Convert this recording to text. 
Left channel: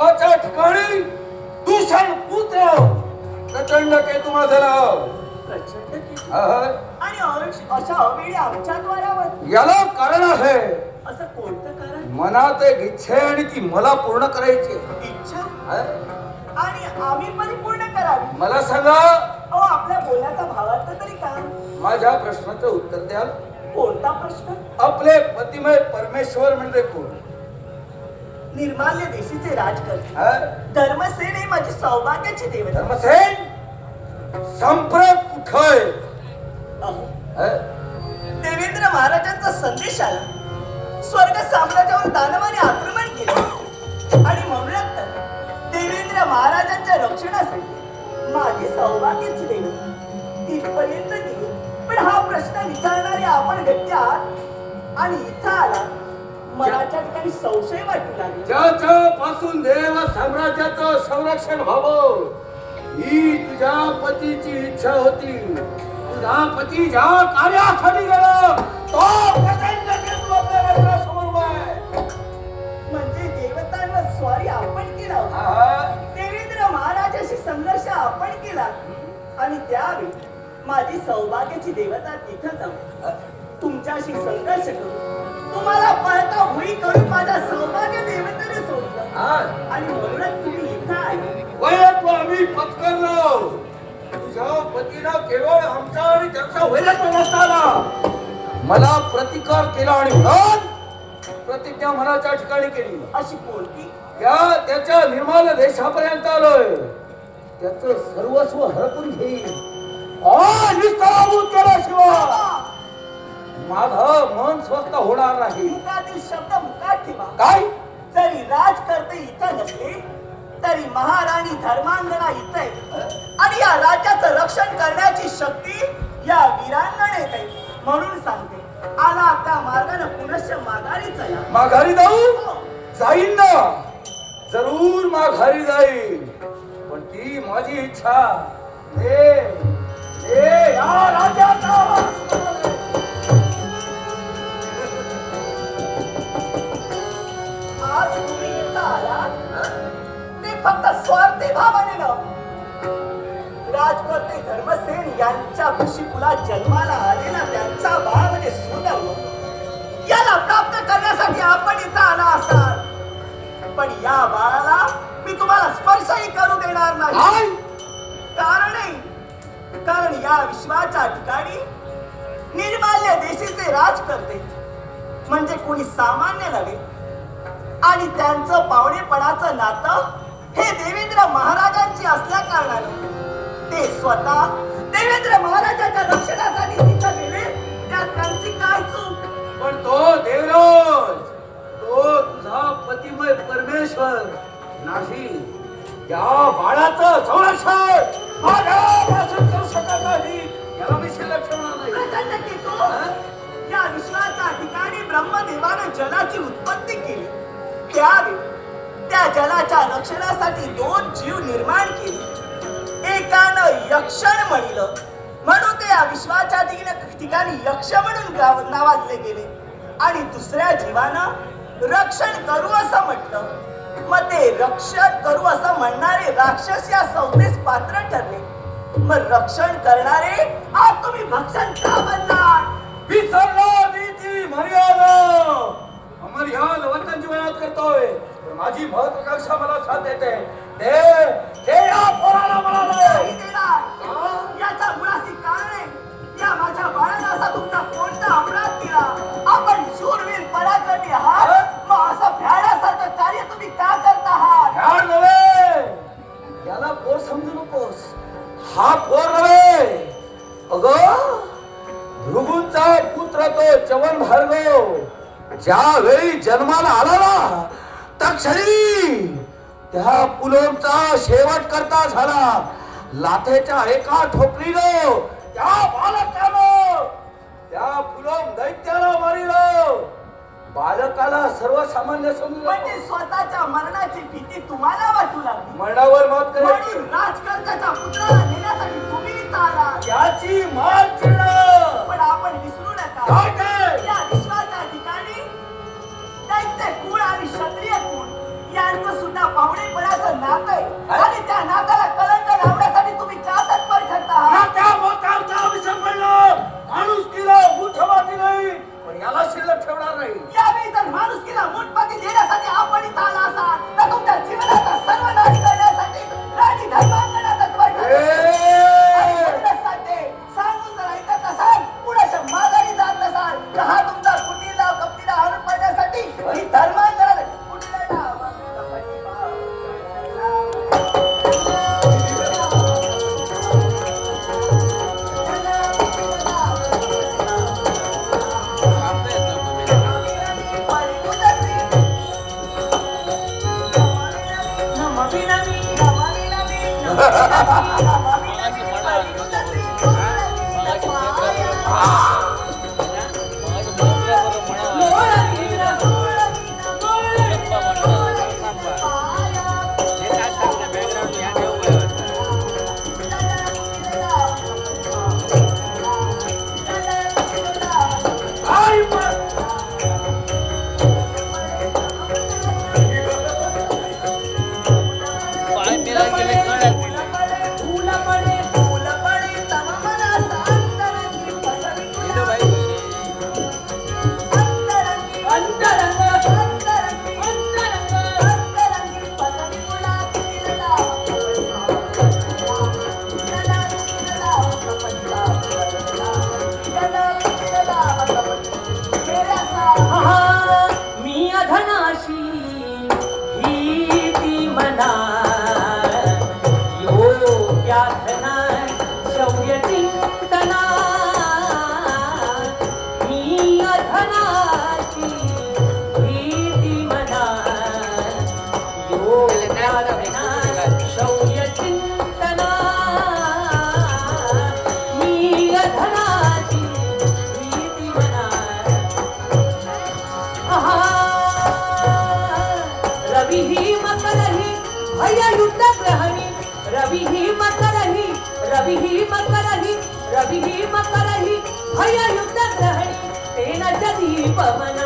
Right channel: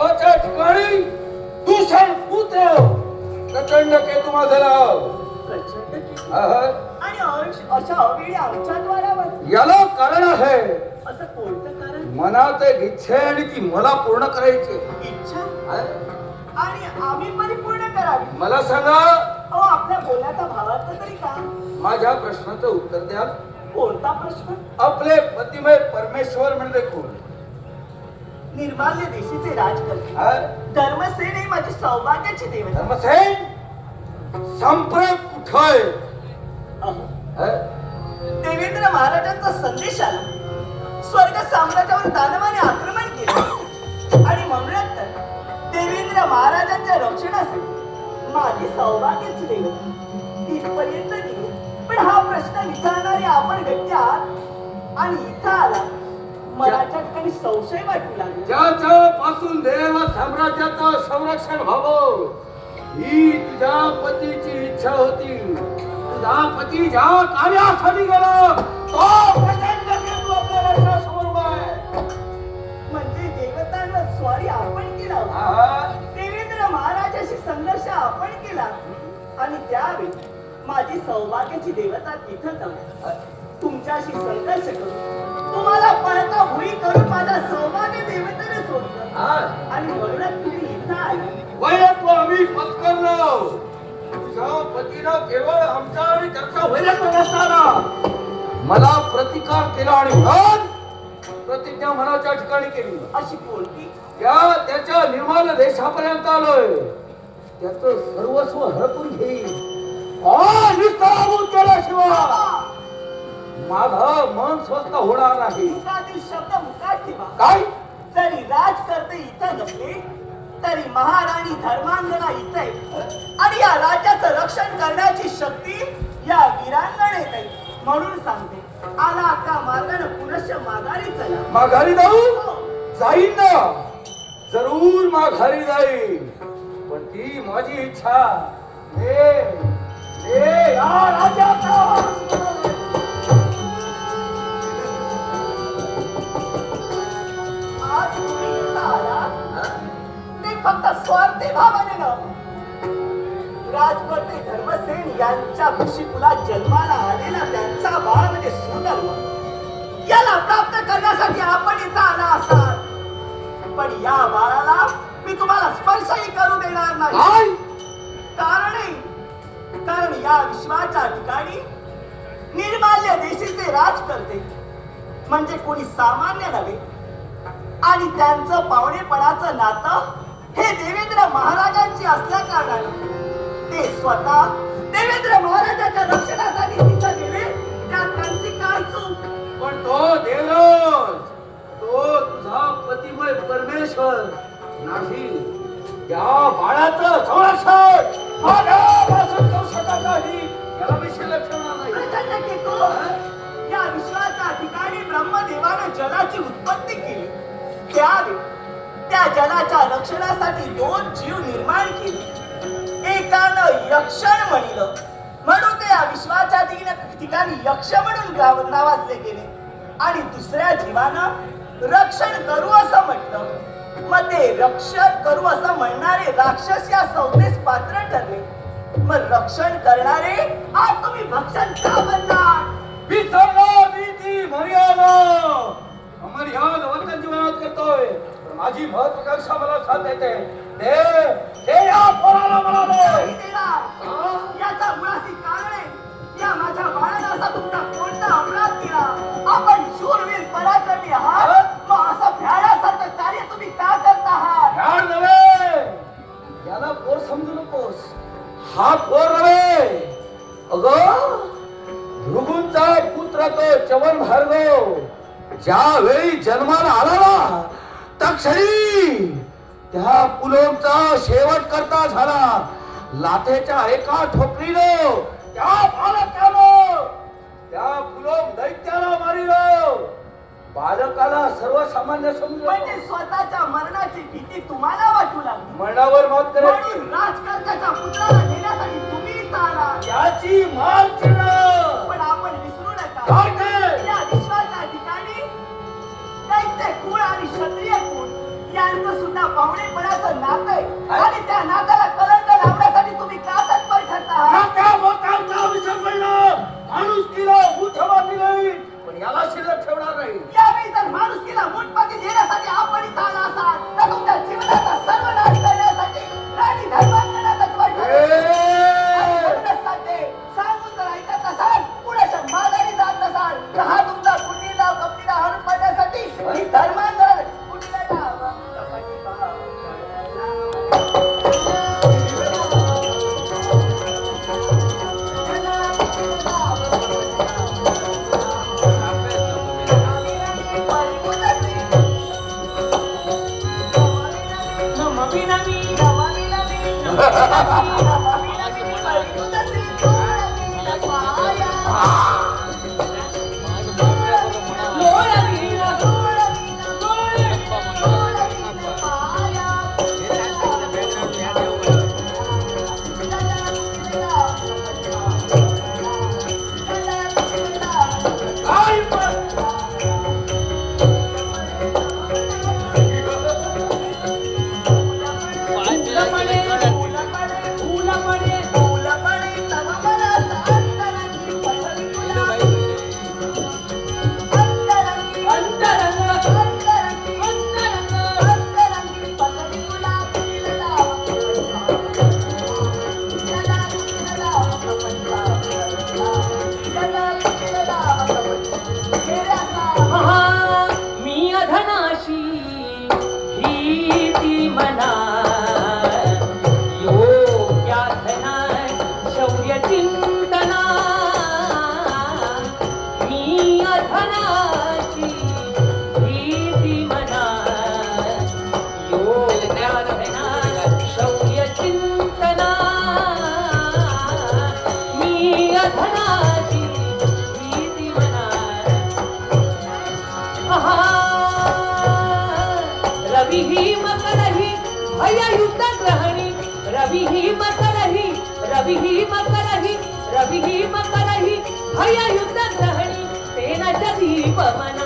महत्वाच्या ठिकाणी दूषण पुत्र प्रचंड केतू माझराव प्रचंड केतू आहा. आणि अशा अवेळी आमच्या द्वारावर याला कारण आहे असं कोणतं कारण? मनात एक इच्छा आहे आणि ती मला पूर्ण करायची आहे. इच्छा हा? आणि आम्ही परिपूर्ण करावी. मला सांगा अहो आपल्या बोलण्याचा भावार्थ तरी काय? माझ्या प्रश्नाचं उत्तर द्या. कोणता प्रश्न? आपले पतिमय परमेश्वर म्हणजे कोण? निर्माल्य देशीचे राजकर्ते हा? धर्मसेन ही माझी सौभाग्याची देवता. धर्मसेन संप्रत कुठं आहे? अहो, हा? देवेंद्र महाराजांचा संदेश आला. स्वर्ग साम्राज्यावर दानवाने आक्रमण केले आणि म्हणूनच तर देवेंद्र महाराजांच्या रक्षणासाठी माझी सौभाग्याची देवता तिथपर्यंत गेली. पण हा प्रश्न विचारणारे आपण व्यक्ती आहात आणि इथं आला. मनाच्या ठिकाणी संशय वाटू लागला. ज्याच्या पासून देव साम्राज्याचं संरक्षण व्हावं ही तुझ्या पतीची इच्छा होती. तुझा पती ज्या कार्यासाठी गेला तो प्रचंड केतू आपल्या नजरेसमोर आहे. म्हणजे देवतांना स्वारी आपण केला होता. आहा. देवेंद्र महाराजाशी संघर्ष आपण केला आणि त्यावेळी माझी सौभाग्याची देवता तिथं जाऊ तुमच्याशी संघर्ष करू तुम्हाला पळता होई करून माझ्या सौभाग्य देवतेने सोडलं हा. आणि म्हणूनच तुम्ही इथं आले. वयात आम्ही पत्करलो. तुझ्या पतीनं केवळ आमचा आणि त्याचा वैरत्व नसताना मला प्रतिकार केला आणि म्हणून प्रतिज्ञा मनाच्या ठिकाणी केली. अशी कोणती? त्याच्या निर्मल देशापर्यंत आलोय. त्याचं सर्वस्व हरपून घेईल निस्तारून केल्याशिवाय माझं मन स्वस्थ होणार नाही. मुखातील शब्द मुखात ठेवा. काय? जरी राजकर्ते इथं नसले तरी महाराणी धर्मांगना इथं आहे आणि या राज्याचं रक्षण करण्याची शक्ती या वीरांगणेत आहे. म्हणून सांगते आला त्या मार्गाने पुनश्च माघारी चला. माघारी जाऊ जाईन ना, जरूर माघारी जाईन. पण ती माझी इच्छा या राज्याचा आज तुम्ही इथं आलात ते फक्त स्वार्थी भावाने नव्हे. राजकर्ते धर्मसेन यांच्या कुशीकुला जन्माला आलेला त्यांचा बाळ म्हणजे सुंदर याला प्राप्त करण्यासाठी आपण इथं आला असाल. पण या बाळाला मी तुम्हाला स्पर्शही करू देणार नाही. कारण या विश्वाच्या ठिकाणी निर्माल्य देशीचे राजकर्ते म्हणजे कोणी सामान्य नव्हे आणि त्यांचं पावणेपणाचं नातं हे देवेंद्र महाराजांची असल्या कारणाने ते स्वतः देवेंद्र महाराजांच्या रक्षणासाठी तिथं गेले. त्यात त्यांची काय चूक? पण तो देवराज तो तुझा पतिमय परमेश्वर नाही. त्या बाळाचं संरक्षण माझ्यापासून करू शकत नाही. याला मी शिल्लक ठेवणार नाही. प्रचंड केतू, या विश्वाच्या ठिकाणी ब्रह्मदेवानं जलाची उत्पत्ती केली. त्यावेळी त्या जलाच्या रक्षणासाठी दोन जीव निर्माण केले. एकानं यक्षण म्हणलं म्हणून ते या विश्वाच्या ठिकाणी यक्ष म्हणून नावाजले गेले आणि दुसऱ्या जीवानं रक्षण करू असं म्हटलं. मग ते रक्षण करू असं म्हणणारे राक्षस या संस्थेस पात्र ठरले. मग रक्षण करणारे आज तुम्ही भक्षण का बनणार? विसरला मी ती मर्यादा. अमर्याद वर्तन जीवनात करतोय. पण माझी महत्वाकांक्षा मला साथ देते. ते या पोराला म्हणाले याचा मुळाशी कारण आहे. या माझ्या बाळाला असा तुमचा कोणता अपराध केला? आपण शूरवीर पराक्रमी आहात. मग असं भ्याडासारखं कार्य तुम्ही का करता आहात? ध्यान झाले. याला पोर समजू नकोस. हा पोर नव्हे. अगं भृगूंचा पुत्र तो चवन भार्गव ज्यावेळी जन्माला आला ना तक्षणी त्या पुलोमचा शेवट करता झाला. लाथेच्या एका ठोकरीनं त्या बालकानं त्या पुलोम दैत्याला मारिलं. बालकाला सर्वसामान्य समजून म्हणजे स्वतःच्या मरणाची भीती तुम्हाला वाटू लागली. मनावर मात करायची. म्हणून राजकर्त्याच्या पुत्राला नेण्यासाठी तुम्ही इथं आलात. याची मार चिन्ह. पण आपण विसरू नका काय ते? या विश्वाच्या ठिकाणी दैत्य कुळ आणि क्षत्रिय कुळ यांचं सुद्धा पावणे त्याला शिल्लक ठेवणार नाही. यावेळी जर माणुसकीला मुठपाती देण्यासाठी आपण इथं आला असाल तर तुमच्या जीवनाचा सर्वनाश करण्यासाठी राणी धर्मांगना तत्वाची सांगून जर ऐकत नसाल, कुणाच्या माघारी जात नसाल, तर हा तुमचा कुटीला कपटीला हरून पाडण्यासाठी ही धर्मांगना कुटीला रवि ही मकर ही भय युद्ध ग्रहणी तेन जधी पवन